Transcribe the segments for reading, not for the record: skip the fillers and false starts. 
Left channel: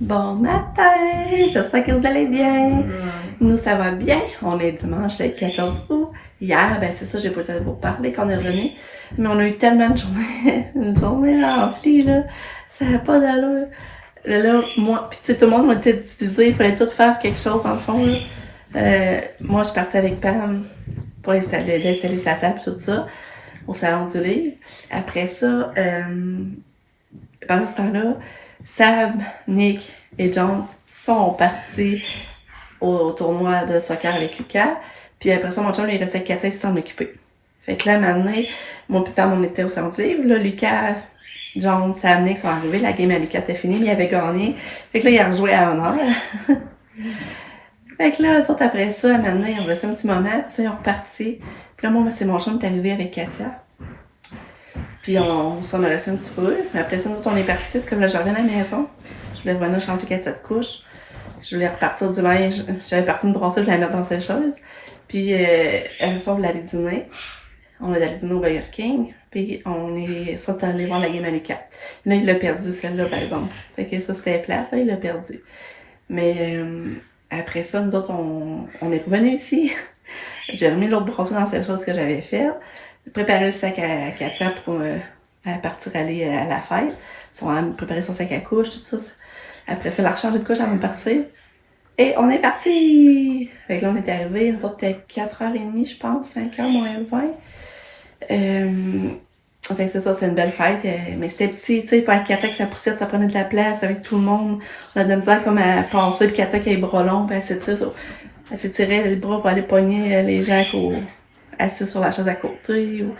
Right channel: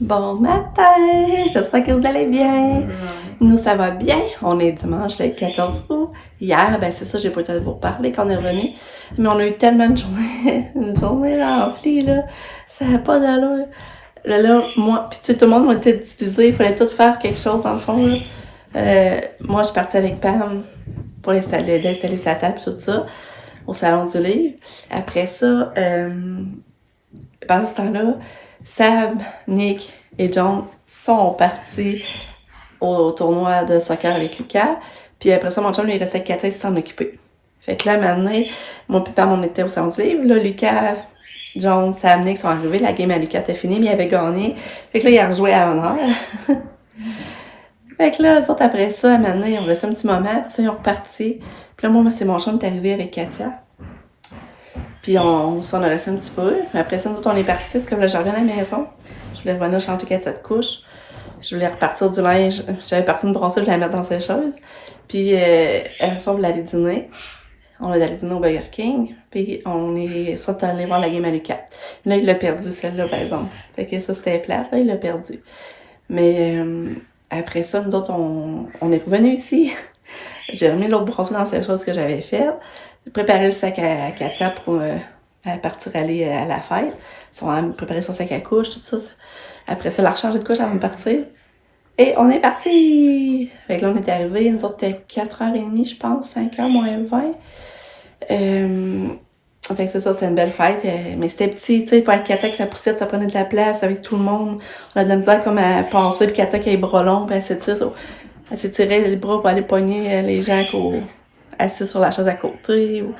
Bon matin! J'espère que vous allez bien. Nous, ça va bien. On est dimanche le 14 août. Hier, ben c'est ça, j'ai pas été vous reparler quand on est revenu. Mais on a eu tellement de journées, une journée remplie, là. Ça n'a pas d'allure. Là, moi, puis tu sais, tout le monde était divisé. Il fallait tout faire quelque chose, dans le fond, là. Moi, je suis partie avec Pam pour d'installer sa table, tout ça, au salon du livre. Après ça, pendant ce temps-là, Sam, Nick et John sont partis au tournoi de soccer avec Lucas. Puis après ça, mon chum, il restait avec Katia, il s'en occupait. Fait que là, maintenant, mon papa, on était au salon du livre. Là, Lucas, John, Sam, Nick sont arrivés. La game à Lucas était finie, mais il avait gagné. Fait que là, il a rejoué à l'honneur. Fait que là, eux autres, après ça, maintenant, ils ont resté un petit moment. Après ça, ils ont reparti. Puis là, moi, c'est mon chum qui est arrivé avec Katia. Puis on s'en a resté un petit peu. Mais après ça, nous autres, on est partis. C'est comme là, je reviens à la maison. Je voulais revenir changer Katia de couche. Je voulais repartir du linge. J'avais parti une brossette, je voulais la mettre dans ses choses. Puis après ça, on voulait aller dîner. On est allé dîner au Burger King. Puis on est sorti allé voir la game à Lucas. Là, il l'a perdu, celle-là, par exemple. Fait que ça, c'était plate. Là, il l'a perdu. Mais après ça, nous autres, on est revenus ici. J'ai remis l'autre brossette dans ces choses que j'avais faites. J'ai préparé le sac à Katia pour partir aller à la fête. Ils ont préparé son sac à couche, tout ça. Après ça, la recharger de couche avant de partir. Et on est parti! Fait que là, on est arrivés, nous autres, c'était 4h30, je pense, 5h moins 20. Fait que c'est ça, c'est une belle fête. Mais c'était petit, tu sais, pour Katia que sa poussette, ça prenait de la place avec tout le monde. On a de la misère comme à passer, puis Katia qui a les bras longs, puis elle s'étirait les bras pour aller pogner les gens assis sur la chaise à côté, ou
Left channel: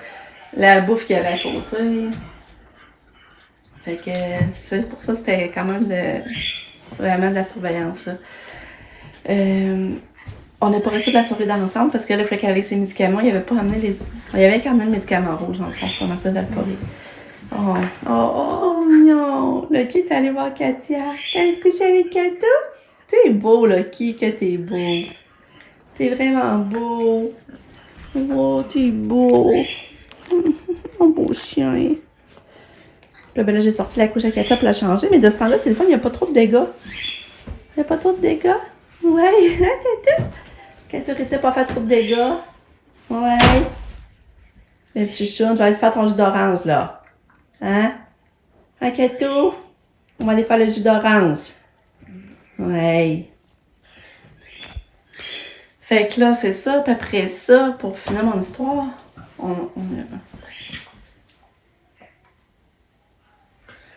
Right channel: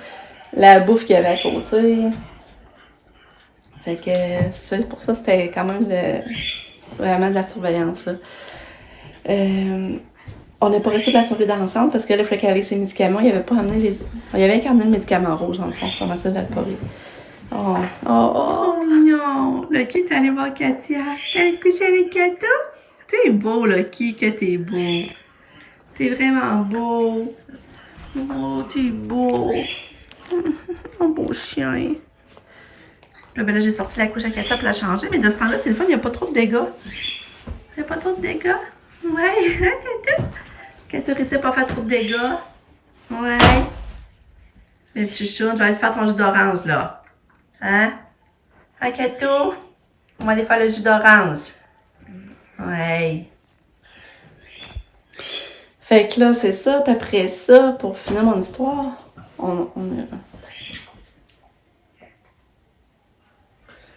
la bouffe qu'il y avait à côté. Fait que c'est pour ça, c'était quand même vraiment de la surveillance, là. On n'est pas resté de la soirée ensemble parce que là, il fallait qu'elle ait ses médicaments. Il avait pas amené il avait qu'à amener le médicament rouge, dans le fond, ça m'a fait valporer. Oh, mignon! Lucky est allé voir Katia. Elle est couchée avec Kato? T'es beau, Lucky, que t'es beau. T'es vraiment beau. Oh, t'es beau. Mon beau chien. Puis là, j'ai sorti la couche à Katia pour la changer, mais de ce temps-là, c'est le fun, il n'y a pas trop de dégâts. Il n'y a pas trop de dégâts? Ouais, hein, Kato? Kato réussit pas à faire trop de dégâts. Ouais. Mais petit chouchou, tu vas aller faire ton jus d'orange, là. Hein? Hein, Kato? On va aller faire le jus d'orange. Ouais. Fait que là, c'est ça. Puis après ça, pour finir mon histoire,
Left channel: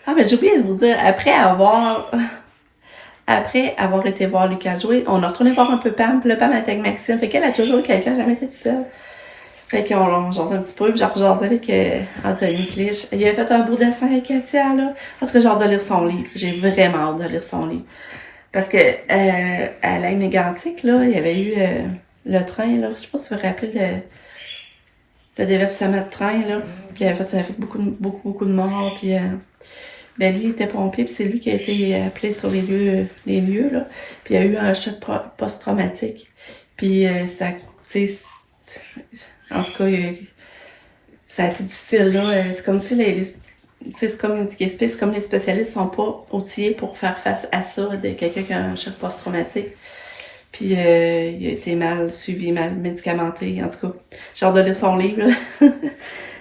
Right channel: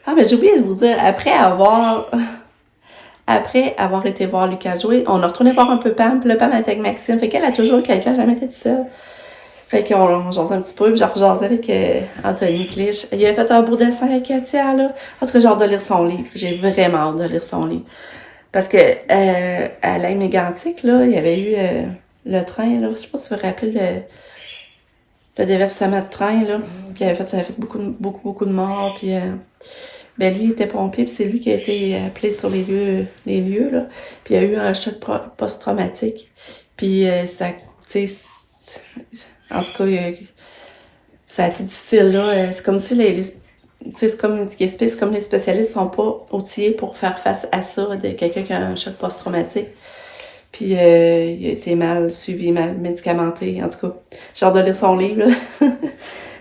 Ah, mais j'ai oublié de vous dire, après avoir été voir Lucas jouer, on a retourné voir un peu Pam, puis là, Pam était avec Maxime. Fait qu'elle a toujours eu quelqu'un, jamais été toute seule. Fait qu'on jasait un petit peu, puis j'ai rejasé avec Anthony Clich. Il avait fait un beau dessin avec Katia, là. Parce que j'ai hâte de lire son livre. J'ai vraiment hâte de lire son livre. Parce que à la Mégantic, là, il y avait eu le train, là. Je sais pas si vous vous rappelez le déversement de train, là. Ça a fait beaucoup de morts, puis... Ben lui, il était pompier, puis c'est lui qui a été appelé sur les lieux, là. Puis il y a eu un choc post-traumatique. Puis ça, tu sais, en tout cas, ça a été difficile, là. C'est comme si c'est comme les spécialistes sont pas outillés pour faire face à ça, de quelqu'un qui a un choc post-traumatique. Puis il a été mal suivi, mal médicamenté. En tout cas, j'ai hâte de lire son livre, là.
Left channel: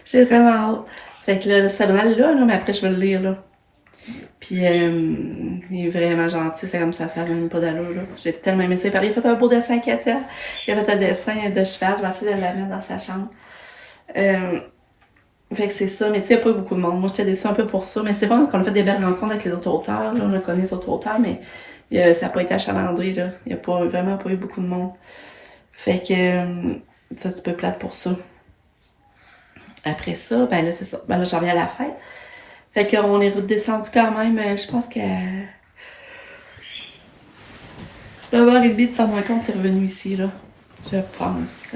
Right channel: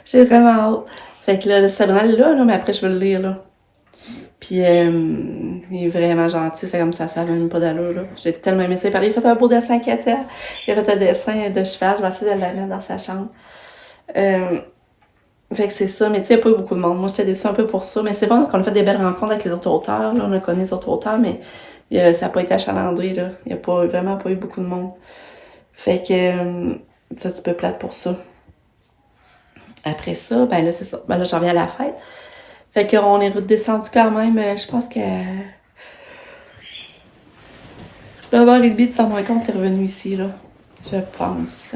J'ai vraiment hâte. Fait que là, ça va là, mais après, je vais le lire, là. Puis il est vraiment gentil, c'est comme ça même pas d'allure, là. J'ai tellement aimé ça. Il a fait un beau dessin à Katia. Il a fait un dessin de cheval, je vais essayer de la mettre dans sa chambre. Fait que c'est ça, mais tu sais, il n'y a pas eu beaucoup de monde. Moi, j'étais déçue un peu pour ça, mais c'est vrai qu'on a fait des belles rencontres avec les autres auteurs, là. On a connu les autres auteurs, mais ça n'a pas été achalandré, là. Il n'y a vraiment pas eu beaucoup de monde. Fait que c'est un petit peu plate pour ça. Après ça, ben là, c'est ça. Ben là, j'en reviens à la fête. Fait qu'on est redescendu quand même, je pense que 9h30 de San Marcon, t'es revenu ici, là. Je pense.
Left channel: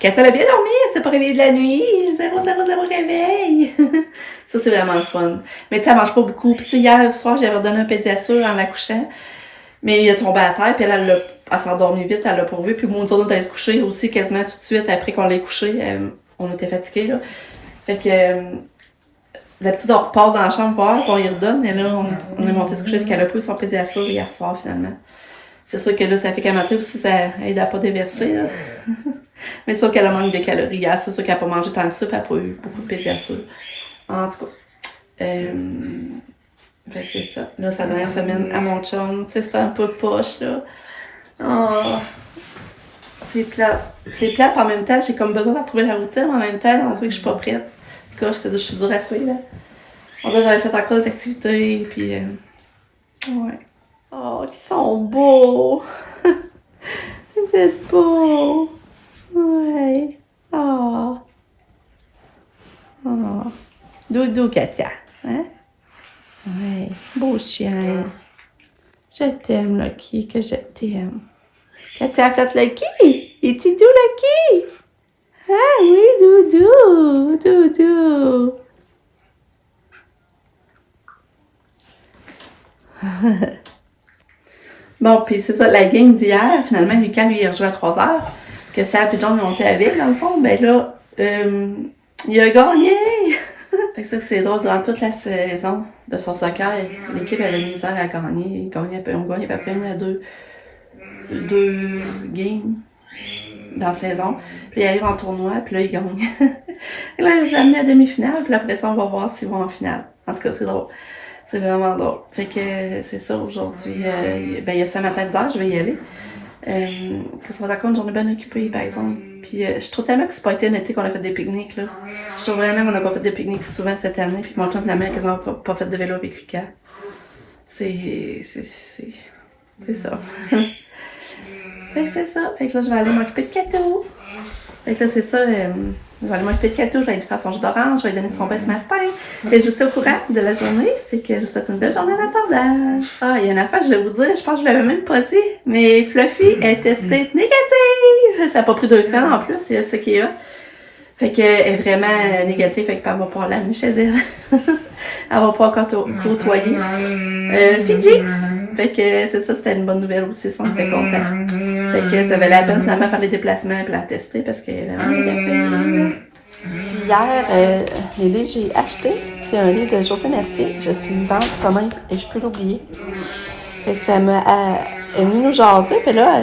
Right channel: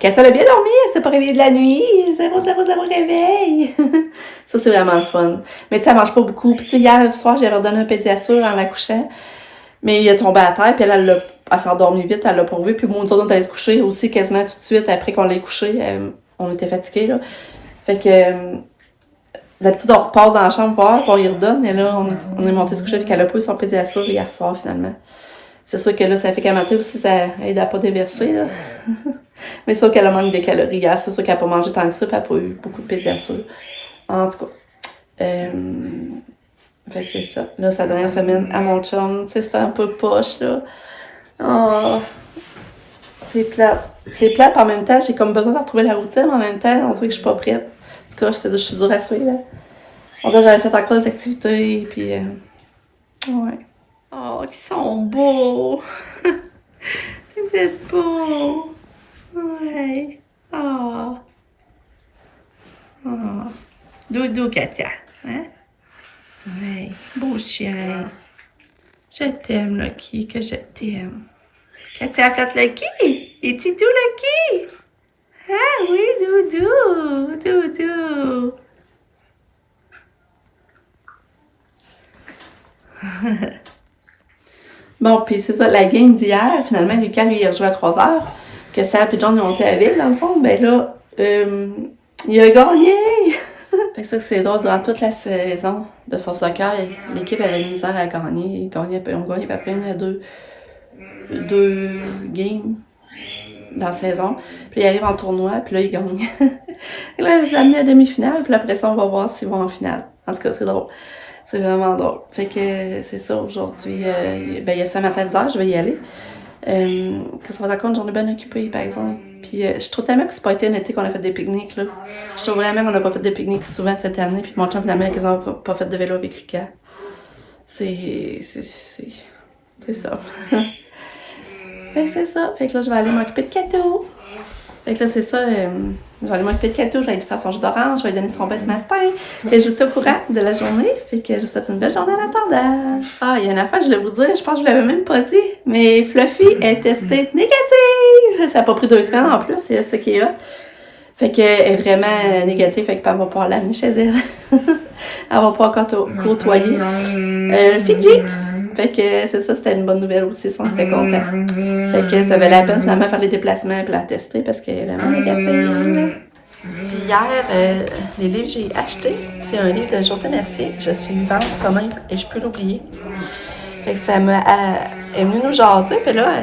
Katia a bien dormi, elle s'est pas réveillée de la nuit. Zéro réveil. Ça, c'est vraiment le fun. Mais tu sais, elle mange pas beaucoup. Puis tu sais, hier soir, j'avais redonné un pédiasure en la couchant. Mais il est tombé à terre, puis elle s'est endormie vite, elle l'a pourvu. Puis moi, nous autres, on est allés se coucher aussi quasiment tout de suite après qu'on l'ait couché. On était fatigués, là. Fait que d'habitude, on repasse dans la chambre voir, puis on y redonne, et là, on est monté se coucher avec elle a pas eu son pédiasure hier soir, finalement. C'est sûr que là, ça fait qu'à matin aussi, ça aide à pas déverser, là. Mais c'est sûr qu'elle a manqué de calories hier, c'est sûr qu'elle a pas mangé tant que ça, puis elle a pas eu beaucoup de pédiasure. En tout cas, fait que c'est ça. Là, sa dernière semaine à mon chum, tu sais, c'était un peu poche, là. Oh, c'est plate. C'est plate, en même temps, j'ai comme besoin de retrouver la routine, mais en même temps, on dirait que je suis pas prête. En tout cas, je suis dure à suivre, là. On dirait que j'avais fait encore des activités, puis ouais. Oh, ils sont beaux! Vous êtes beaux! Ouais. Oh. Oh. Doudou, Katia. Hein? Ouais. Beau chien. Je t'aime, Lucky, que je t'aime. Katia a fait Lucky? Es-tu doux, Lucky? Ah oui, Doudou! Doudou! Bon, puis c'est ça, la game d'hier, finalement, Lucas, lui, il a joué à 3h, que Sam et John ont monté à la ville, dans le fond, ben là, il a gagné! Fait que ça, c'est drôle, durant toute la saison de son soccer, l'équipe avait de misère à gagner. On gagnait à peu près deux games dans la saison. Puis il arrive en tournoi, puis là, il gagne. Et là, ils amené à demi-finale, puis après ça, on va voir s'ils vont en finale. En tout cas, c'est drôle. C'est vraiment drôle. Fait que c'est ça, aujourd'hui, il y a ça matin à 10h, je vais y aller. Que ça va d'accord, une journée bien occupée, par exemple. Puis je trouve tellement que c'est pas été un été qu'on a fait des pique-niques, là. Je trouve vraiment qu'on n'a pas fait des pique-niques souvent cette année, puis mon chum, finalement, a quasiment pas fait de vélo avec Lucas. C'est ça. Fait que c'est ça. Fait que là, je vais aller m'occuper de Kato. Fait que là, c'est ça. Je vais aller m'occuper de Kato. Je vais aller faire son jus d'orange. Je vais lui donner son bain ce matin. Et je vous tiens au courant de la journée. Fait que je vous souhaite une belle journée en attendant. Ah, il y a une affaire, je voulais vous dire. Je pense que je vous l'avais même pas dit. Mais Fluffy est testée négative. Ça n'a pas pris 2 semaines en plus. C'est ce qui est là. Fait qu'elle est vraiment négative. Fait qu'elle va pouvoir l'amener chez elle. Elle va pas encore côtoyer Fidji. Fait que c'est ça, c'était une bonne nouvelle aussi, on était contents. Fait que ça valait la peine finalement de faire les déplacements et la tester parce qu'elle est vraiment négative. Hier, les livres que j'ai achetés, c'est un livre de José Mercier, Je suis vivante quand même et je peux l'oublier. Fait que ça m'a elle est venue nous jaser, puis là,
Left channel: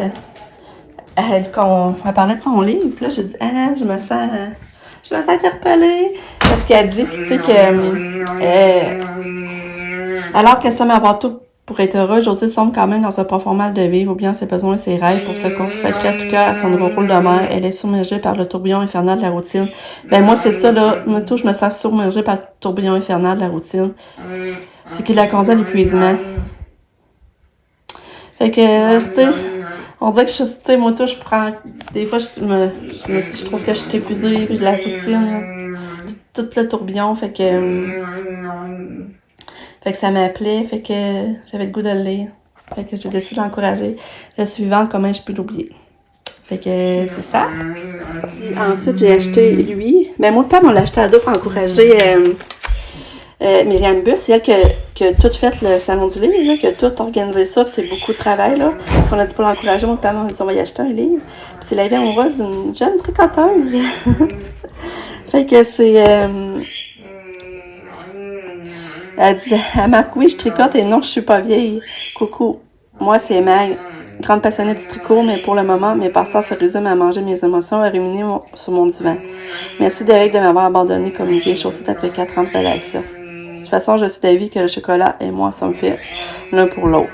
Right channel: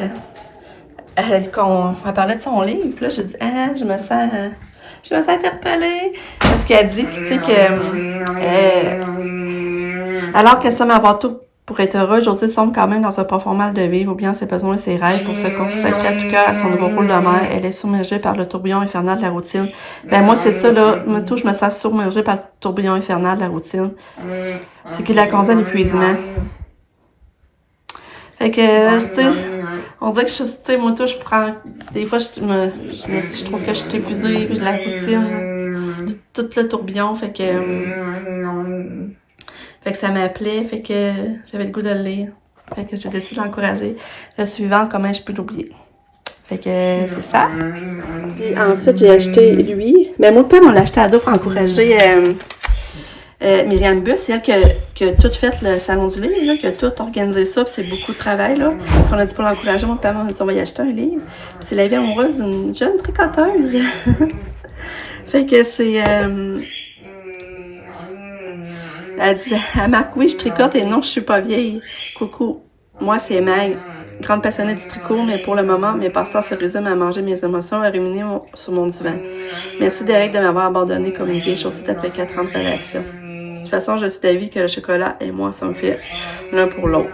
elle parlait de son livre, puis là j'ai dit je me sens interpellée parce qu'elle dit tu sais que alors qu'elle semble avoir tout pour être heureux, Josée semble quand même dans un profond mal de vivre, ou bien ses besoins et ses rêves pour se consacrer à tout cœur à son nouveau rôle de mère. Elle est submergée par le tourbillon infernal de la routine. Ben moi, c'est ça, là. Moi, tout, je me sens submergée par le tourbillon infernal de la routine. C'est qui la conduit à l'épuisement. Fait que, tu sais, on dirait que tu sais, moi, tout, je prends... Des fois, je trouve que je suis épuisée, de la routine, tout le tourbillon, fait que ça m'appelait, fait que j'avais le goût de le lire. Fait que j'ai décidé d'encourager le suivant, comment je peux l'oublier. Fait que c'est ça. Et ensuite, j'ai acheté lui. Ben moi, le père, on l'a acheté à deux pour encourager Myriam Bus. C'est elle qui a tout fait le salon du livre, là, qui a tout organisé ça, puis c'est beaucoup de travail, là. On a dit pour l'encourager, mon père, on a dit on va y acheter un livre. Puis c'est la vie amoureuse d'une jeune tricoteuse. Fait que c'est... Elle dit à Marc, oui, je tricote et non, je suis pas vieille. Coucou, moi c'est Mag, grande passionnée du tricot, mais pour le moment, mes passe-temps se résument à manger mes émotions et à ruminer sur mon divan. Merci Derek de m'avoir abandonné comme une vieille chaussette après 4 ans de relation. De toute façon, je suis d'avis que le chocolat et moi sommes faits l'un pour l'autre.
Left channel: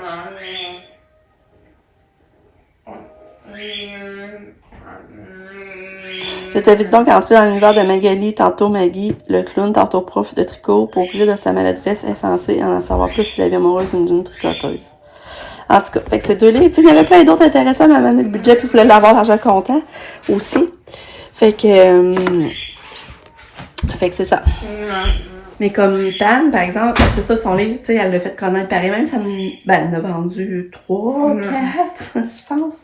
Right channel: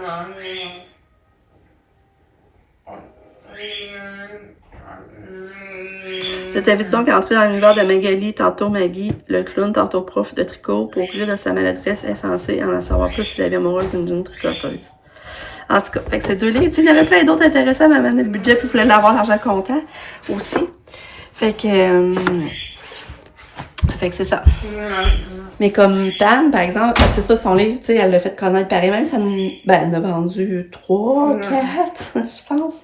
Je t'invite donc à entrer dans l'univers de Magali, tantôt Maggie, le clown, tantôt prof de tricot, pour briller de sa maladresse insensée et en savoir plus sur la vie amoureuse d'une jeune tricoteuse. En tout cas, fait que c'est deux livres. Il y avait plein d'autres intéressants, mais à le budget, puis il voulait l'avoir l'argent comptant aussi. Fait que c'est ça. Mais comme Pam, par exemple, c'est ça, son livre, tu sais, elle l'a fait connaître pareil. Même ça nous... Ben, elle en a vendu 3, 4, je pense.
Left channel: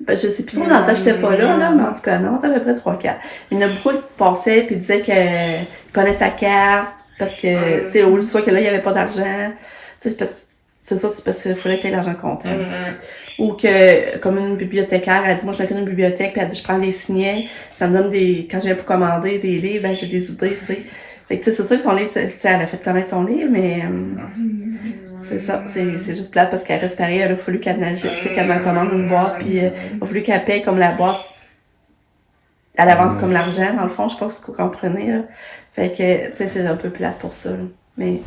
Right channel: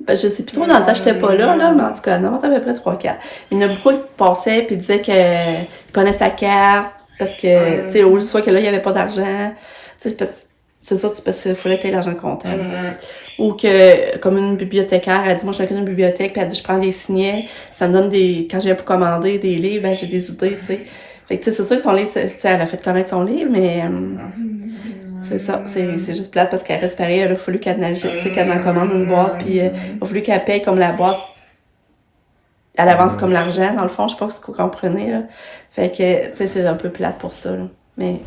Ben, je sais plus trop, dans le temps, j'étais pas là, mais en tout cas, non, c'est à peu près 3-4. Il y en a beaucoup qui passaient, puis disaient qu'il prenait sa carte, parce que, tu sais, au lieu soit que là, il y avait pas d'argent. Tu sais, c'est ça, parce qu'il fallait qu'il y ait l'argent comptant. Ou que, comme une bibliothécaire, elle dit, moi, je suis une bibliothèque, puis elle dit, je prends les signets, ça me donne des, quand je viens pour commander des livres, ben, j'ai des idées, tu sais. Fait que, tu sais, c'est sûr que son livre, elle a fait connaître son livre, mais c'est ça. C'est juste plate parce qu'elle reste pareil. Elle a fallu qu'elle en commande une boîte, puis il a fallu qu'elle paye comme la boîte à l'avance comme l'argent, dans le fond. Je sais pas ce que vous comprenez, là. Fait que, tu sais, c'est un peu plate pour ça, là. Mais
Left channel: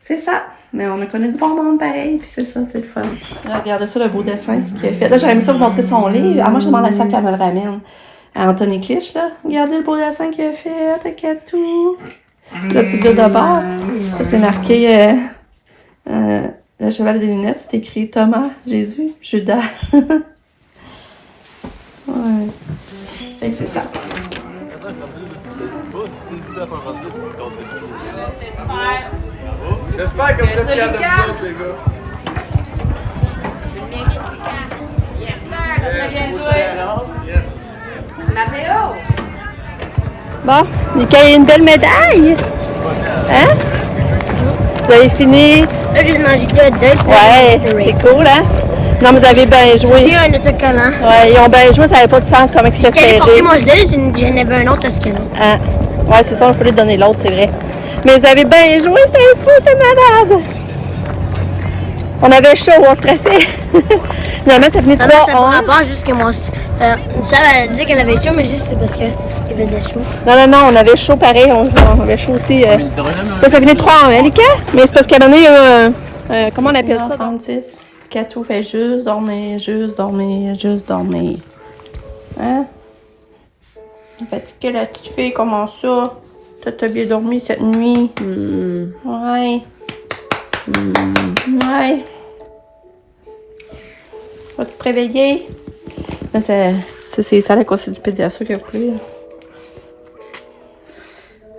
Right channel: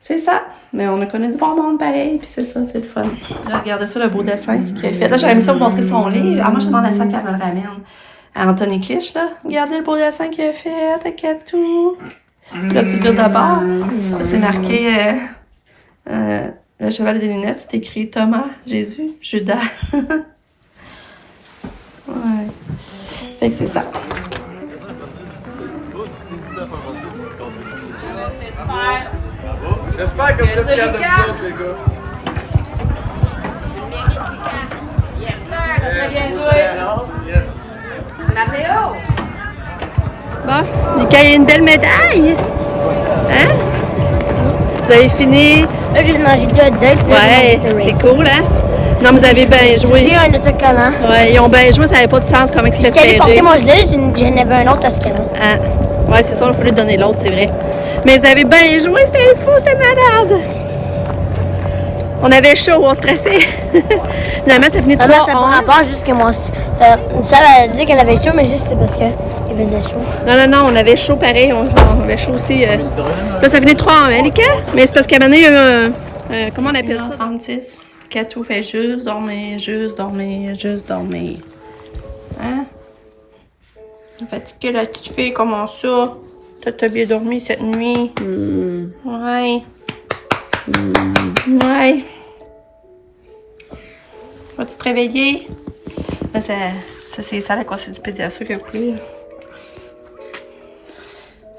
c'est ça. Mais on a connu du bon monde pareil, puis c'est ça, c'est le fun. Regardez ça, le beau dessin qu'il a fait. Là, j'aurais aimé ça vous montrer son livre. Ah, moi, je demande à ça qu'elle me le ramène. À Anthony Clich, là. Regardez le beau dessin qu'il a fait, t'inquiète tout. Là, tu le de bord. Là, c'est marqué le cheval des lunettes. C'est écrit Thomas, Jésus, Judas. Ouais. Fait que c'est ça. J'espère que vous êtes fiers de vous autres, les gars. Tu le mérites, Lucas. Yes, sir. T'as très bien joué. Yes. Mathéo. Bon, Lucas a une belle médaille. Hein? Vous avez fini? Là, j'ai mangé deux dates. Ouais, c'est cool, hein? Non, vous avez bien joué. J'ai un autocollant. Ouais, ils ont bien joué, ça n'avait pas de sens comment c'était J'étais allée serré. porter mon gilet, j'en avais un autre à ce là. Ah. Ouais, c'est ça, il fallait donner l'autre, c'est vrai. Mais vous avez bien joué, c'était fou, c'était malade. On avait chaud, on stressait. Finalement, ça finit 3-1. Ça me rapport juste que moi aussi. Michel a dit qu'elle avait chaud, mais juste c'est parce qu'il faisait chaud. Non, on avait chaud pareil, on avait chaud aussi. Là, ça finit 3-1, hein, Lucas? Mais c'est parce qu'à un moment donné, il y a un... comment on appelle ça? 36. Katou fait juste dormir, juste dormir, juste dormir. Hein? Fatiguée, la petite fille, comment ça? T'as bien dormi cette nuit? Ouais. Ouais. Vas-tu te réveiller? Mais c'est ça la course du pédiatre qui a coulé.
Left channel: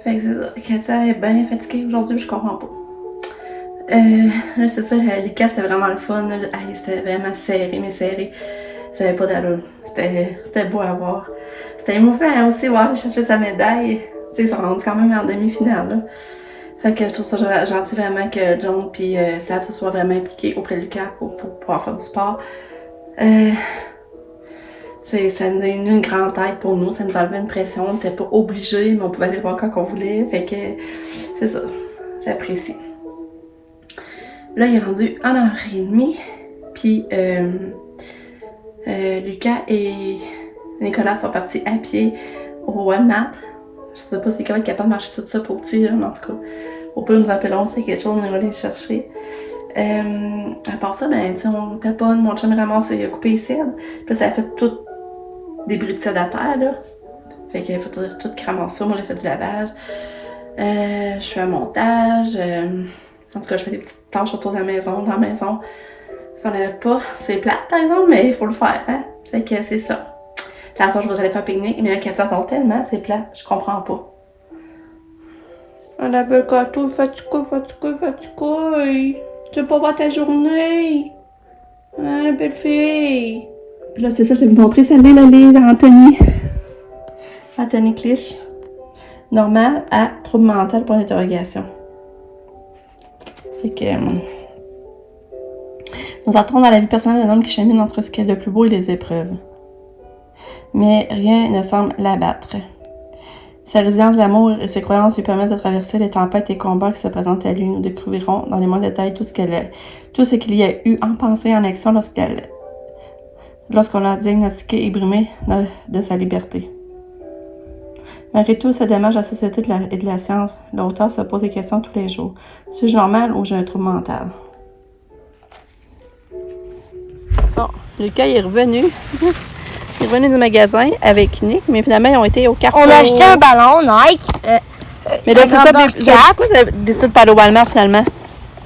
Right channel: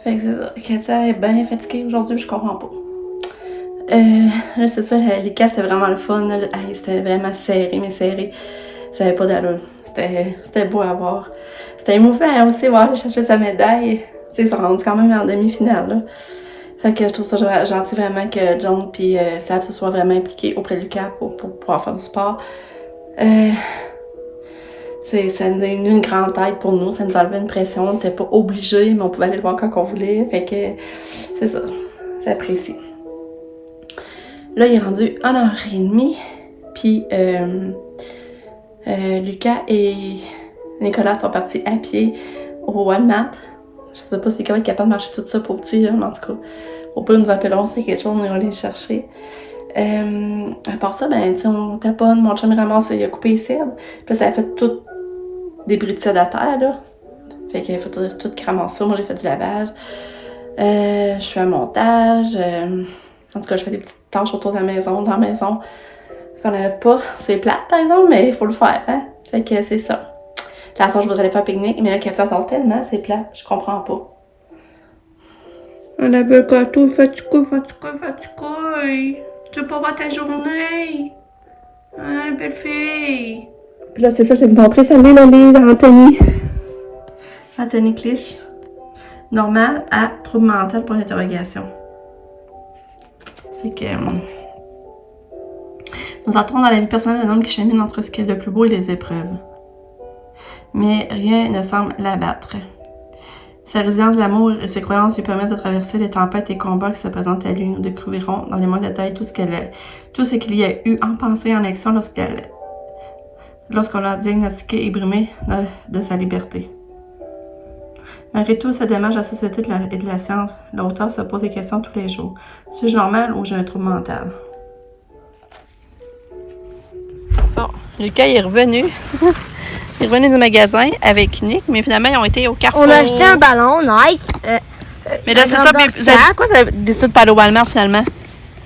Fait que c'est ça. Katia est bien fatiguée aujourd'hui, je comprends pas. Là, c'est ça, Lucas, c'était vraiment le fun. C'était vraiment serré, mais serré. Ça avait pas d'allure. C'était beau à voir. C'était émouvant aussi, voir aller chercher sa médaille. Tu sais, ils sont rendus quand même en demi-finale, là. Fait que je trouve ça gentil vraiment que John puis Sab se soient vraiment impliqués auprès de Lucas pour pouvoir faire du sport. Ça nous a donné une grande aide pour nous, ça nous enlevait une pression, on n'était pas obligés, mais on pouvait aller le voir quand on voulait. Fait que c'est ça, j'apprécie. Là, il est rendu 1h30, puis Lucas et Nicolas sont partis à pied au Walmart. Je sais pas si Lucas va être capable de marcher tout ça pour petit, mais en tout cas, au plus nous appellerons, c'est quelque chose, on va aller le chercher. À part ça, ben, tu sais, on taponne, mon chum ramasse, il a coupé les cèdres, puis ça a fait tout des bris de cèdre à terre, là. Fait qu'il a fait tout ramasser ça, moi j'ai fait du lavage. Je fais un montage, en tout cas, je fais des petites tâches autour de la maison, dans la maison, qu'on n'arrête pas. C'est plate, par exemple, mais il faut le faire, hein. Fait que c'est ça. La soirée, je voudrais aller faire pique-nique, mais là, Katia attend tellement, c'est plate, je comprends pas. On appelle Katou, fatigué. Tu veux pas voir ta journée? Hein, belle fille? Puis là, c'est ça, je vais vous montrer, ça met le livre d'Anthony. Anthony Clich. Normal à trouble mental pour l'interrogation. Fait que... nous entrons dans la vie personnelle d'un homme qui chemine entre ce qui est le plus beau et les épreuves. Mais rien ne semble l'abattre. Sa résilience d'amour et ses croyances lui permettent de traverser les tempêtes et combats qui se présentent à lui. Nous découvrirons dans les moindres détails tout ce qu'il y a eu en pensée et en action lorsqu'on l'a diagnostiqué et brimé de sa liberté. Malgré tout, ce dommage à la société et de la science, l'auteur se pose des questions tous les jours. Suis-je normal ou j'ai un trouble mental? Bon, Lucas est revenu. Il est revenu du magasin avec Nick, mais finalement, ils ont été au Carrefour. On a acheté un ballon Nike. Mais là, c'est ça. Pourquoi tu as décidé de pas aller au Walmart finalement?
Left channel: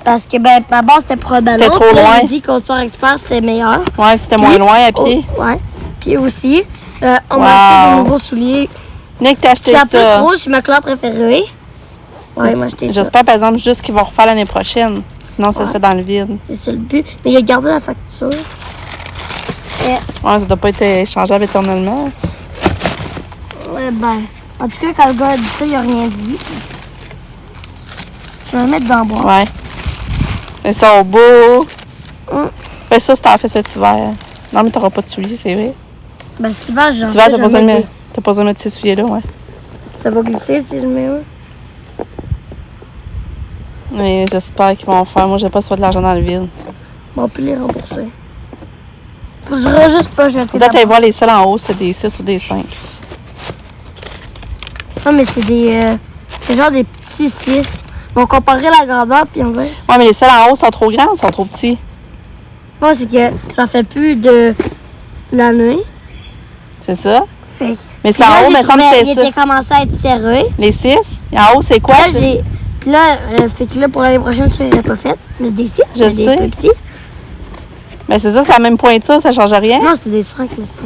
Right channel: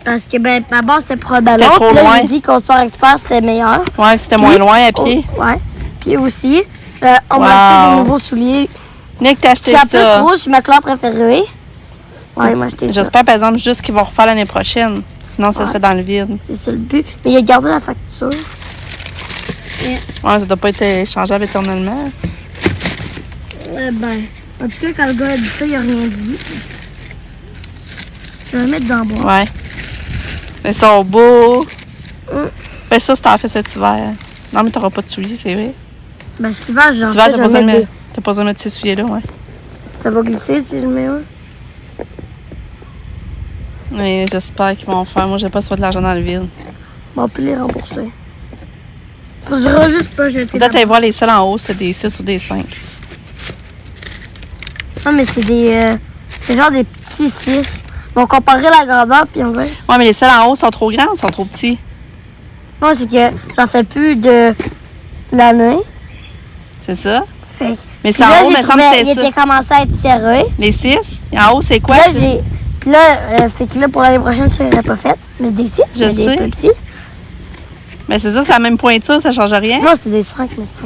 Parce que, ben, ma base, c'était pour un ballon. C'était trop loin. J'ai dit qu'au Sport Expert, c'était meilleur. Ouais, c'était moins loin à pied. Ouais. Puis aussi, on m'a acheté des nouveaux souliers. Nick, t'as acheté Puis en ça. plus, rouge, c'est ma couleur préférée. Ouais, il m'a acheté ça. J'espère, par exemple, juste qu'ils vont refaire l'année prochaine. Sinon, ça serait dans le vide. C'est ça le but. Mais il a gardé la facture. Ouais, ça doit pas être échangeable éternellement. Ouais, ben, en tout cas, quand le gars a dit ça, il a rien dit. Je vais le mettre dans le bois. Ouais. Ils sont beaux. Fais ça si t'en fais cet hiver. Non, mais t'auras pas de souliers, c'est vrai. Ben, cet hiver, Cet hiver, t'as pas besoin de mettre ces souliers-là, ouais. Ça va glisser si je mets un. Mais j'espère qu'ils vont en faire. Moi, j'ai pas soit de l'argent dans le vide. On peut les rembourser. Faudra juste pas jeter. Peut-être aller voir les seuls en haut, c'était des 6 ou des 5. Non, mais c'est des. C'est genre des petits 6. On comparerait la grandeur, puis on va. Ouais, mais les seuls en haut sont trop grands ou sont trop petits? Non, c'est que j'en fais plus de l'année. C'est ça? Fait que. Mais Puis c'est en là, haut, mais comme il c'était ça. était commencé à être serré. Les 6? Et en haut, c'est quoi? Là, j'ai. Puis là, fait que là, pour l'année prochaine, ça irait pas fait. Mais des 6, Je mais des sais. plus petits. Mais c'est ça, c'est la même pointure, ça change rien. Non, c'était des 5, mais ça.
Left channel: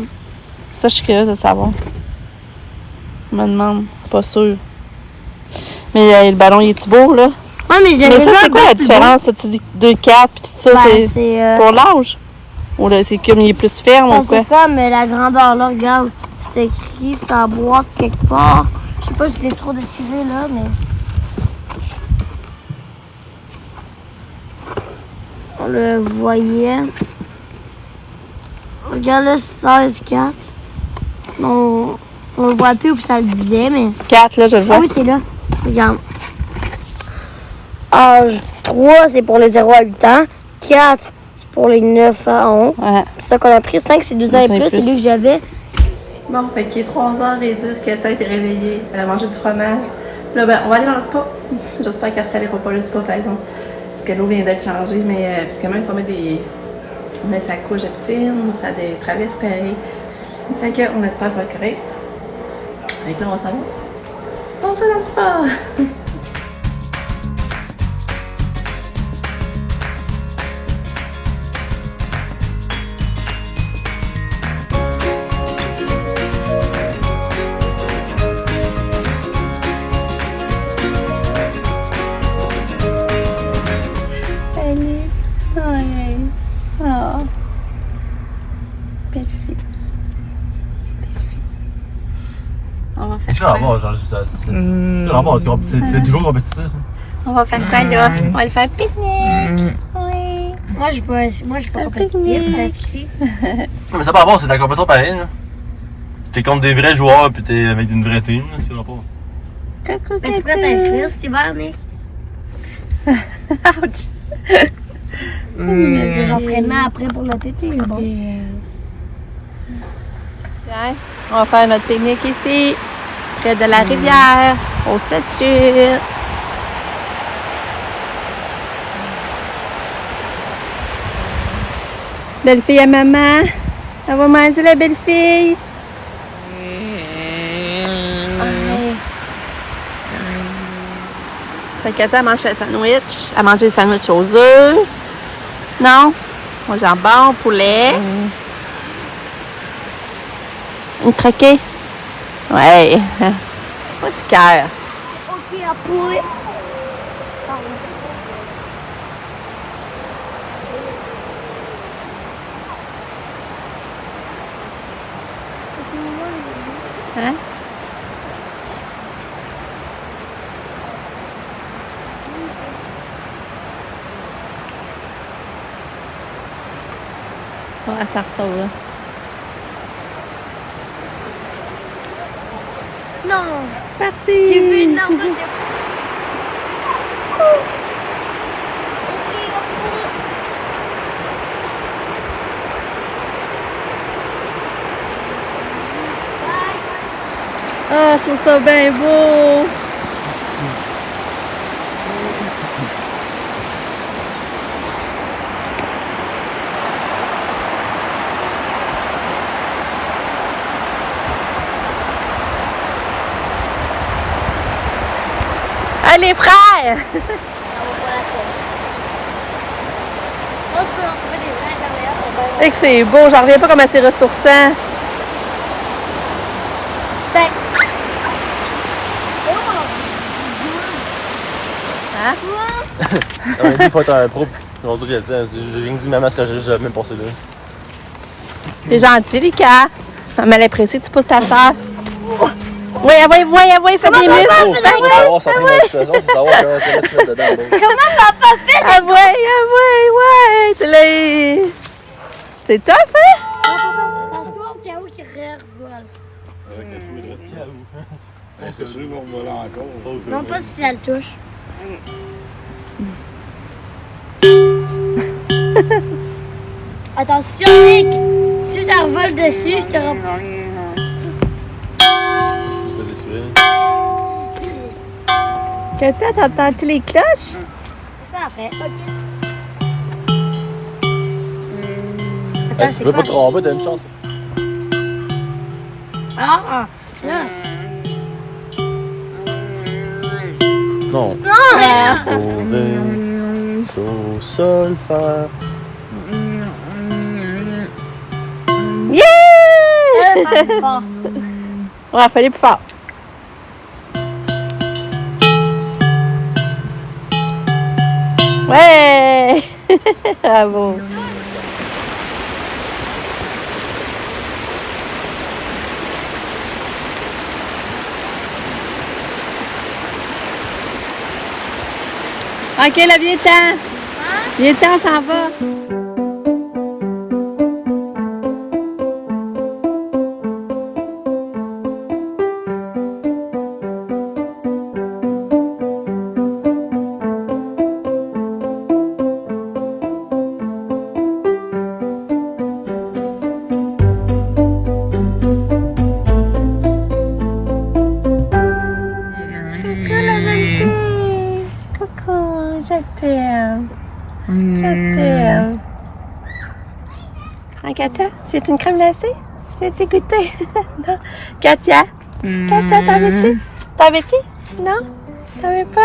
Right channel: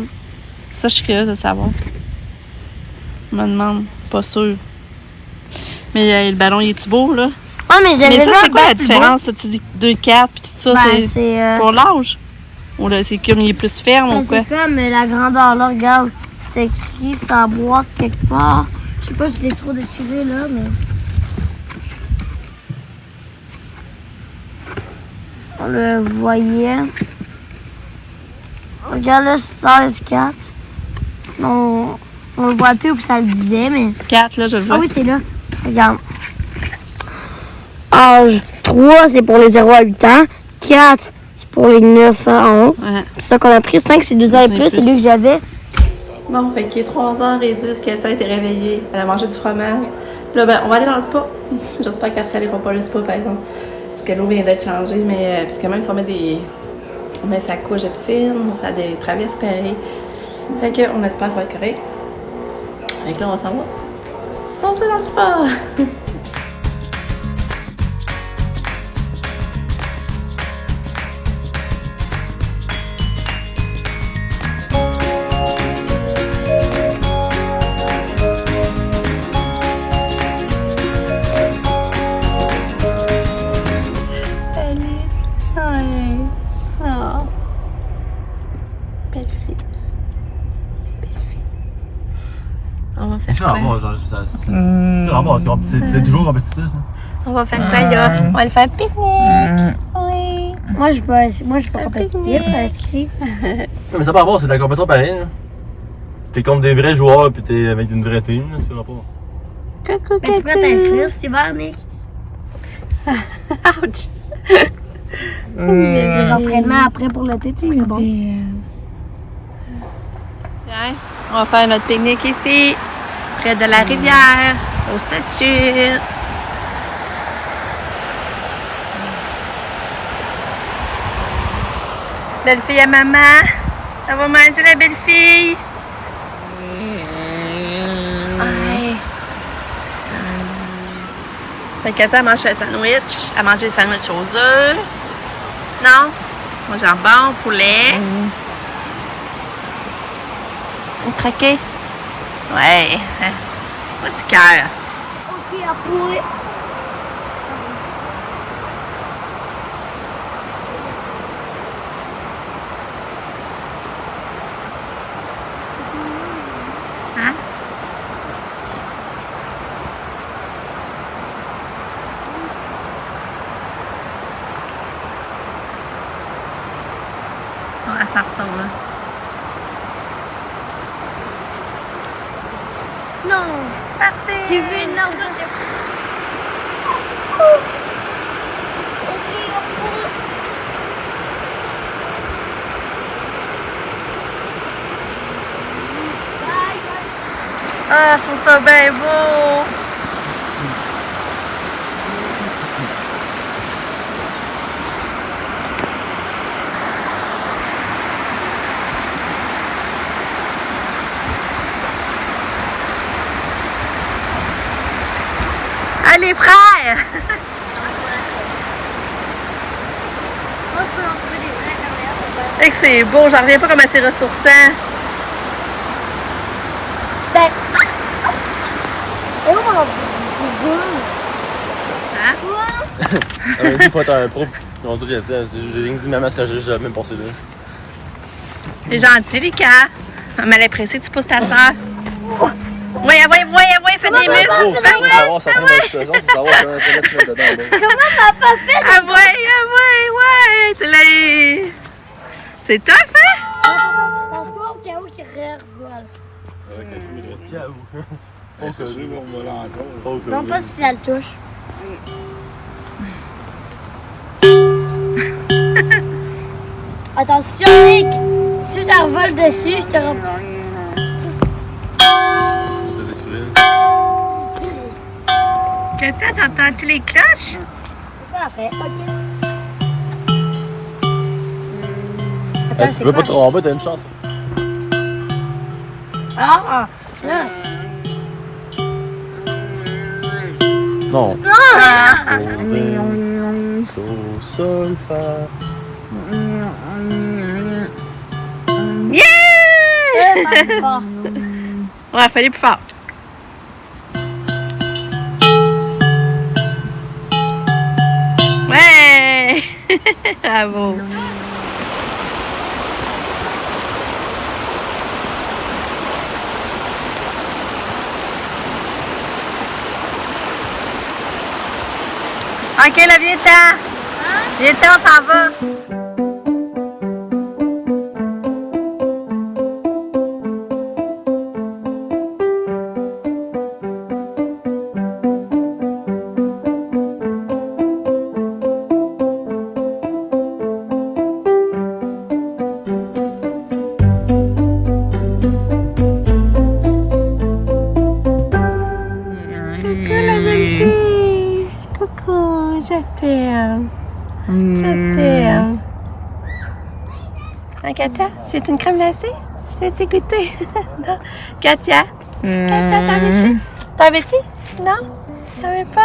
Ça, je suis curieuse de savoir. Je me demande. Pas sûr. Mais le ballon, il est-tu beau, là? Ouais, mais je l'avais Mais ça, vu c'est quoi encore la plus différence? Tu dis 2-4 puis tout ça, beau. Ben, c'est c'est. pour l'âge? Ou là, c'est comme il est plus ferme ou quoi? C'est comme la grandeur là, regarde. C'est écrit, c'est en bois quelque part. Je sais pas si je l'ai trop déchiré là, mais. On le voyait. Regarde là, 16-4. On le voit plus où que ça le disait, mais. 4, là, je le vois. Ah oui, c'est là. Regarde. Âge 3, c'est pour les 0 à 8 ans. 4, c'est pour les 9 à 11. Ouais. C'est ça qu'on a pris. 5, c'est 2 ans et 2 ans et plus. C'est plus. lui que j'avais. Bon, fait qu'il est 3h10, Katia a été réveillée. Elle a mangé du fromage. Là, ben, on va aller dans le spa. J'espère qu'elle ne salira pas le spa, par exemple. Parce que l'eau vient d'être changée, mais parce que même si on met on met sa couche de piscine, ou ça des traverses pareil. Fait qu'on espère que ça va être correct. Fait que là, on va s'en va. Saucer dans le spa! Salut! Oui! Oh! Belle fille! Belle fille! On va faire quoi? C'est toujours compétitif. On va faire quoi là? On va le faire pique-nique! Oui! Moi, je suis pas compétitif. Inscrit. Mais ça par rapport, c'est de la compétition pareille. Là. T'es contre des vrais joueurs puis t'es avec une vraie team. Là, c'est rapport. Coucou, Mais tu peux t'inscrire, c'est vert, Nick. Ouch! Des entraînements après pour l'été, c'est bon. Tiens, on va faire notre pique-nique ici, près de la rivière, au statut. Belle fille à maman. Elle va manger la belle fille. Fait que ça mange un sandwich. Elle mange des sandwichs aux œufs. Non? Moi, jambon, poulet. Une croquée? Ouais. Pas du cœur. Ok, à poulet. Hein? Oh, elle s'en ressort, là. Non, Parti! j'ai vu une arbre de Ok, à poulet. Ah, je trouve ça bien beau! Allez, frère! Moi, je peux en trouver des vraies caméras. Et que c'est beau, j'en reviens pas comment c'est ressourçant. Ben. Hein? Il faut être un pro. J'ai rien dit même à ce que j'ai même pensé là. T'es gentil, Lucas. Ça m'a l'impression que tu pousses ta soeur. Oui, fais des muscles. Comment Comment papa fait? Ah ouais. C'est tough, hein? Pense-toi au cas où qu'il revole. C'est sûr qu'on va là encore. Non, pas si ça le touche. Attention, Nick! Si ça revole dessus, je te reprends. Katia, t'entends-tu les cloches? C'est quoi après? Attends, Tu c'est peux quoi? pas te tromper, t'as une chance. Ah! Là, Non. Ah! Do, sol, fa. Yeah! pas plus fort. Ouais, fallait plus fort. Ouais! Bravo. Ok, là, viens-t'en. Viens-t'en, on s'en va. Coucou la belle fille. Coucou, je t'aime. Je t'aime. Hein, Katia, tu veux une crème glacée? Tu veux-tu goûter? Non. Katia? Katia, t'en veux-tu? T'en veux-tu? Non? T'en veux pas?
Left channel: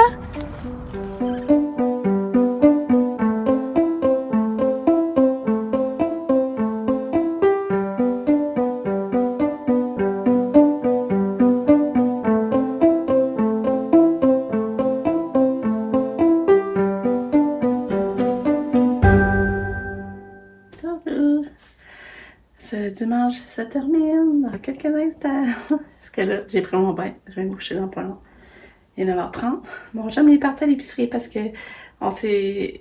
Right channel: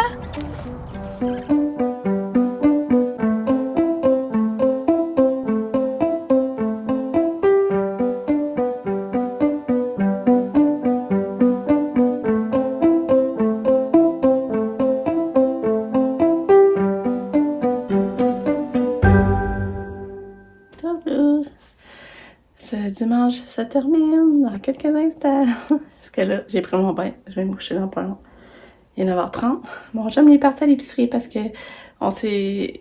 Ce dimanche se termine dans quelques instants. Parce que là, j'ai pris mon bain. Je vais me coucher dans pas long. Il est 9h30. Bon, j'aime les parties à l'épicerie parce que on s'est...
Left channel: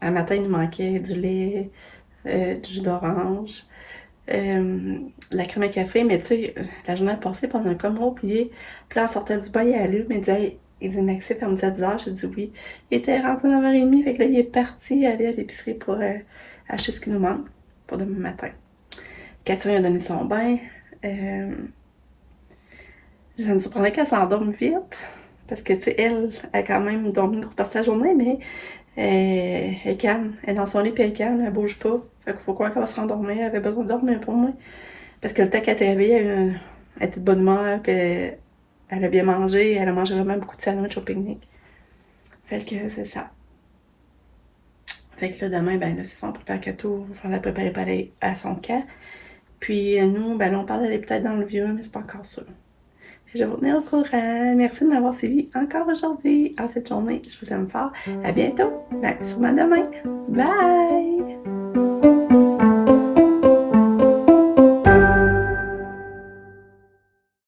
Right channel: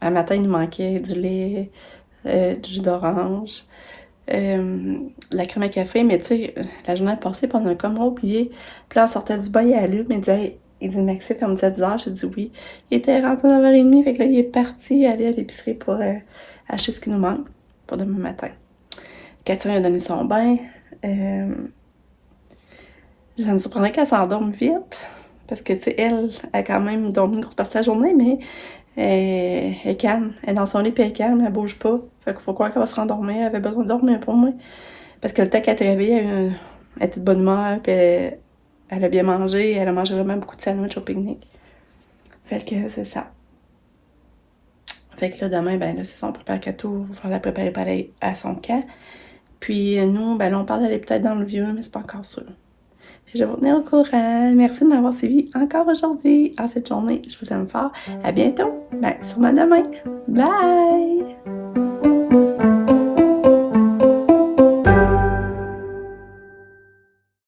un matin, il nous manquait du lait, du jus d'orange, la crème à café. Mais tu sais, la journée passée, puis on a comme oublié. Puis là, on sortait du bain, il allume. Il dit Maxime, elle me disait 10h. J'ai dit oui. Il était rentré à 9h30. Fait que là, il est parti aller à l'épicerie pour acheter ce qui nous manque pour demain matin. Catherine a donné son bain. Ça me surprendrait qu'elle s'endorme vite. Parce que, tu sais, elle a quand même dormi une grosse partie de la journée, mais elle est calme. Elle est dans son lit, puis elle est calme, elle bouge pas. Fait qu'il faut croire qu'elle va se rendormir. Elle avait besoin de dormir pour moi. Parce que le temps qu'elle était réveillée, elle était de bonne humeur, puis elle a bien mangé. Elle a mangé vraiment beaucoup de sandwich au pique-nique. Fait que c'est ça. Fait que là, demain, ben là, c'est ça, on prépare Cato, il va falloir la préparer pour aller à son camp. Puis nous, ben là, on parle d'aller peut-être dans le vieux, mais c'est pas encore sûr. Je vais vous tenir au courant. Merci de m'avoir suivi encore aujourd'hui, en cette journée. Je vous aime fort. À bientôt. Ben, sûrement demain. Bye!